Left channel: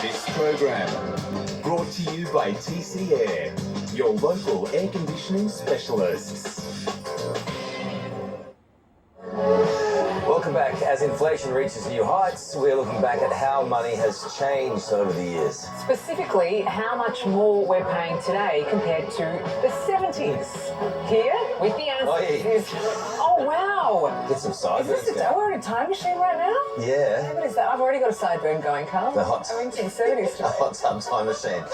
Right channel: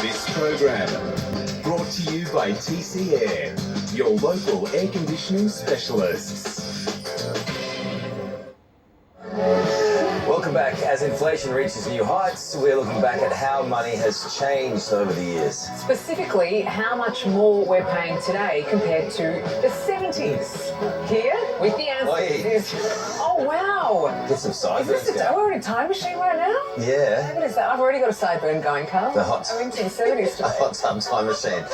This program brought to you by TC Air, your local air conditioning specialists. Welcome back. As inflation reaches new heights, we're looking back at how money has changed over the years. Specifically, how much more we're paying today compared to the 70s. Here, with the answers. Oh, wow. Get some sideburns going. We're in a time machine right now? Yeah. What is that? I've already got a sideburn going, Carl. The hot- I'm into the 70s today. A hot tub time machine.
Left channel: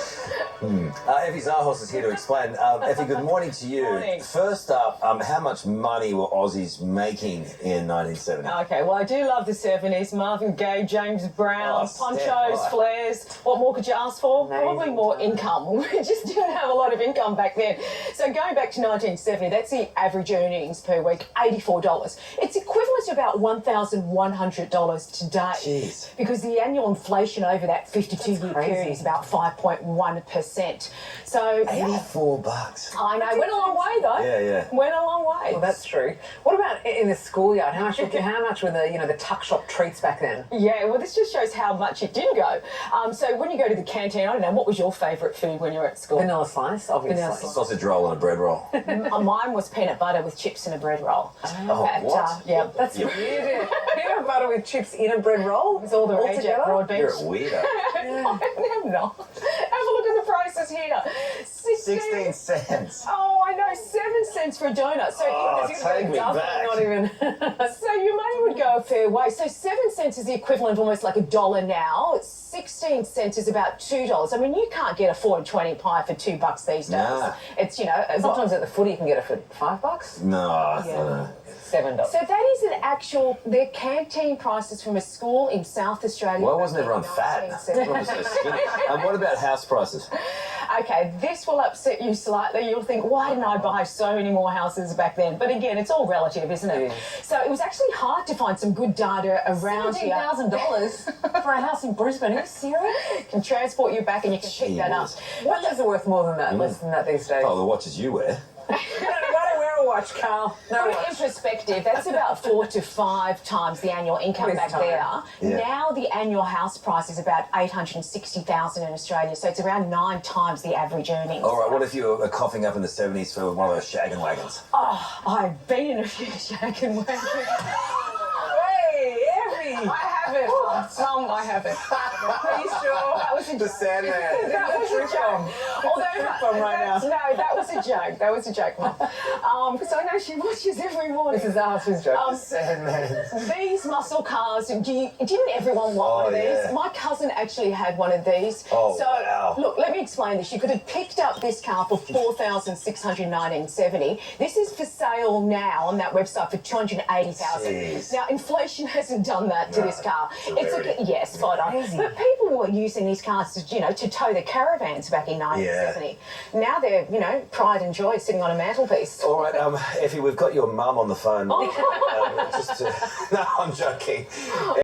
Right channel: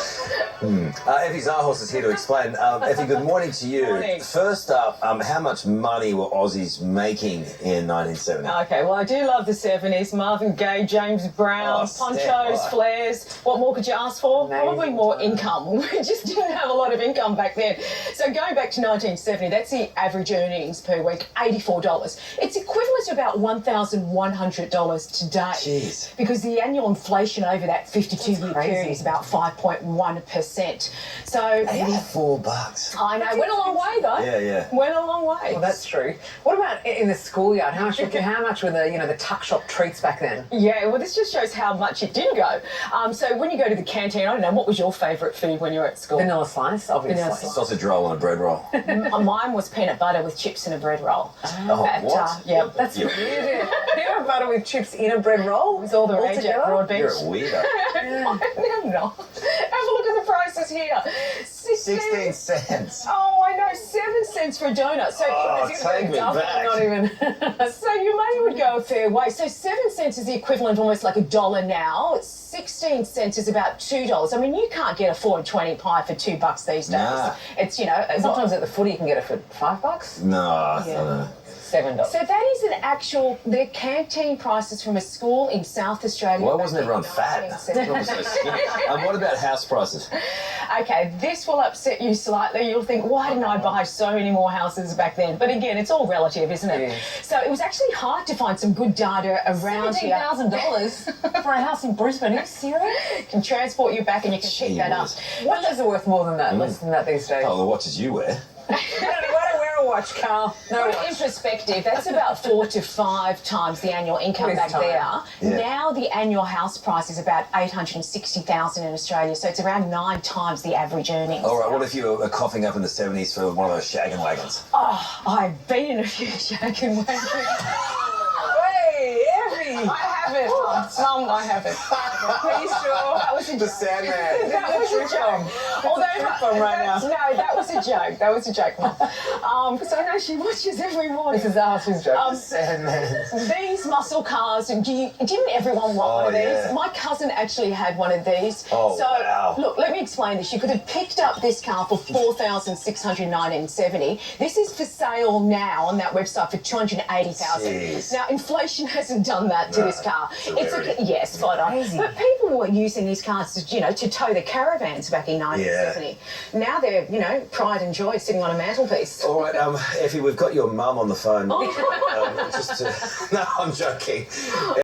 Effie Zahos is here to explain. Effie, good morning to you. Morning. First up, how much money were Aussies making in 1970? Okay, well, I do love the 70s. Marvin Gaye, James Brown, Oh, ponchos, stand by. flares. What more could you ask for? Amazing. Probably more income. We just didn't have a lot of income back then. So going back to 1970, that's the average earnings per week, $84. It's equivalent to about $1,100 today. Jeez. Because the annual inflation over that 52-year crazy. period is about 5.1%. So, yeah. $84. I know. Went a long way, though. Yeah. Went a long way. Well, that's true. What about in the schoolyard? How much were the tuck shop treats back then? Yeah, well, this just shows how much it did go. So when you go to the canteen, I don't know, what was your favourite food when you were at school? Vanilla slice, obviously. Vanilla slice. Sausage roll and a bread roll. Mine was peanut butter with chips and a bread roll. Oh, what? Yeah, That's Yeah. weird. Peanut butter with chips in a bread roll? it was all the rage at together? Broadbeach. You're a weirdo. I'm not. Have a look at the prices here. 16 cents. Oh, I know, 7 cents for a donut. So Oh, it was take me double, back. not even. So your money would go a fair way. So 7 cents is the equivalent almost like $1 now. 16 cents is about $2. I mean, you can't get a 4 and 20 pie for $2 these days. Nah. It's, Sometimes at the footy you can get it for $5. No, Yeah. $7. So that is their canteen prices from a school in South Australia. Why back wasn't in everyone fat? 1970. Everyone was so skinny. And what about house prices? Okay, this will upset you slightly. You'll think, why didn't I buy so many more houses back then? But again, it's all relative, isn't it? Yeah. So it was actually hard to find some good data around here. $17,000 for a house in Brisbane? Are you serious? Can transport you back and you can pick that up. Watches are worth more than that, less than that these days. Oh, the watches you wear. I don't wear a watch, Carl. No Put it watch. in perspective, that's about 4 to 5 times the annual income What is back time? there. Yeah. Now the annual house price is about $860,000 in Australia, so it's around 9 times the average earnings. All right, what if you were coughing up in the 70s for one of those shaggin' wagons? Oh, I've been in a few shaken wagons. Hey, Effie! I haven't. Mum, I haven't. Are you sure? That was a The Sandman. That was a Trip joke. bomb. Trip bomb right now. No, that was a joke. That was a joke, Mum. Because I know she watches every morning. This is Alice's joke. Sandman. These muscle cars, and didn't everyone want one of these? yeah. My cousin actually had one of these. Oh, so, wow. look, let me explain this. You could have picked up this car for $4,619.70. This is for sale now on that website for $280,000. Jeez. Now, inflation hasn't done that to this car. it's a rarity. Yes, spot on. Crazy. But people were using these cars to tow their caravans back in 1970. Now they're, pride and joy sitting on a mantelpiece. All right, Effie, we've got your mum on the phone. Oh. No, I'm joking.